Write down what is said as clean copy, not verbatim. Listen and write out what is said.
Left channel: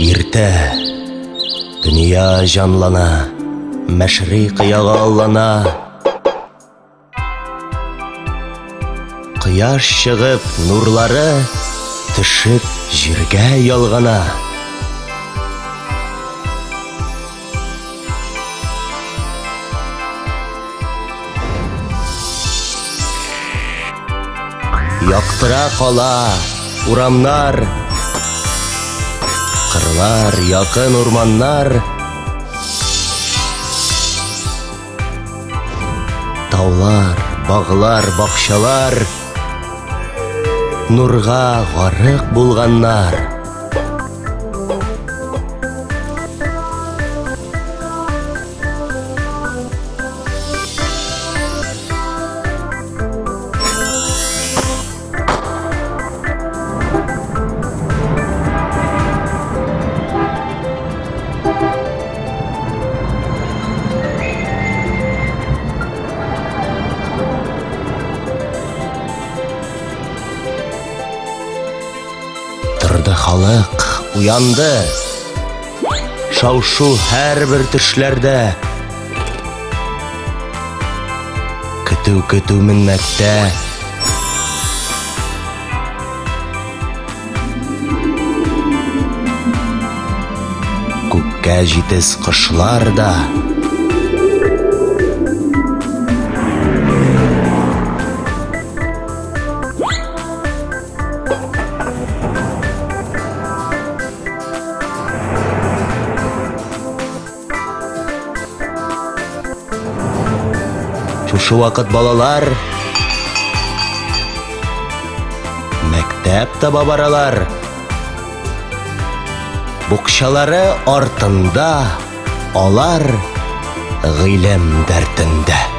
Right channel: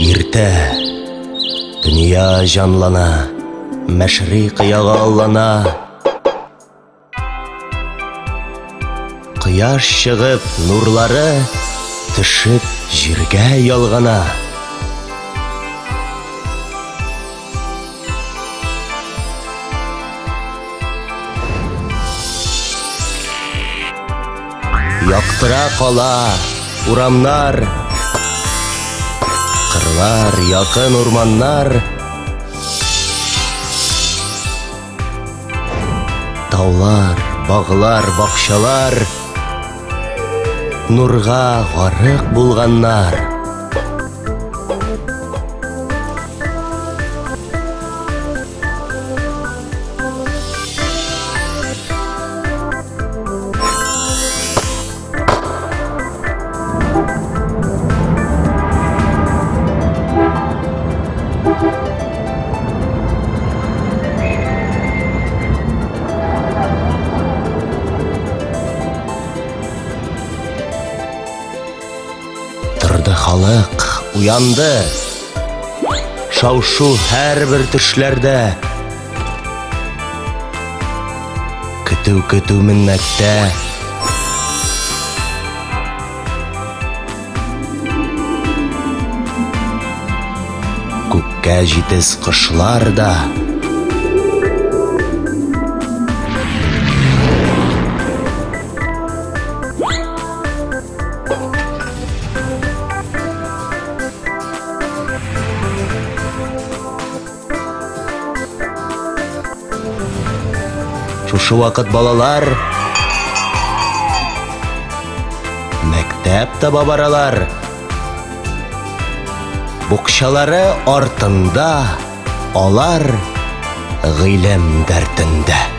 Иртә дөнья жанлана, мәшриқ яғаллана. Қияш шығып, нурлары төшіп җиргә ялгана. Яктыра кала урамнар, кырлар, якын урманнар, таулар, баглар, бакчалар, нурга гарык булганнар. Торды халык, уянды, шау-шу һәрбер төшләрдә. Көтү миннәттә. Күккә җитез кошлар да. Шушы вакыт балалар мәктәп таба баралар. Букчалары артында, алар гыйлем дәртендә.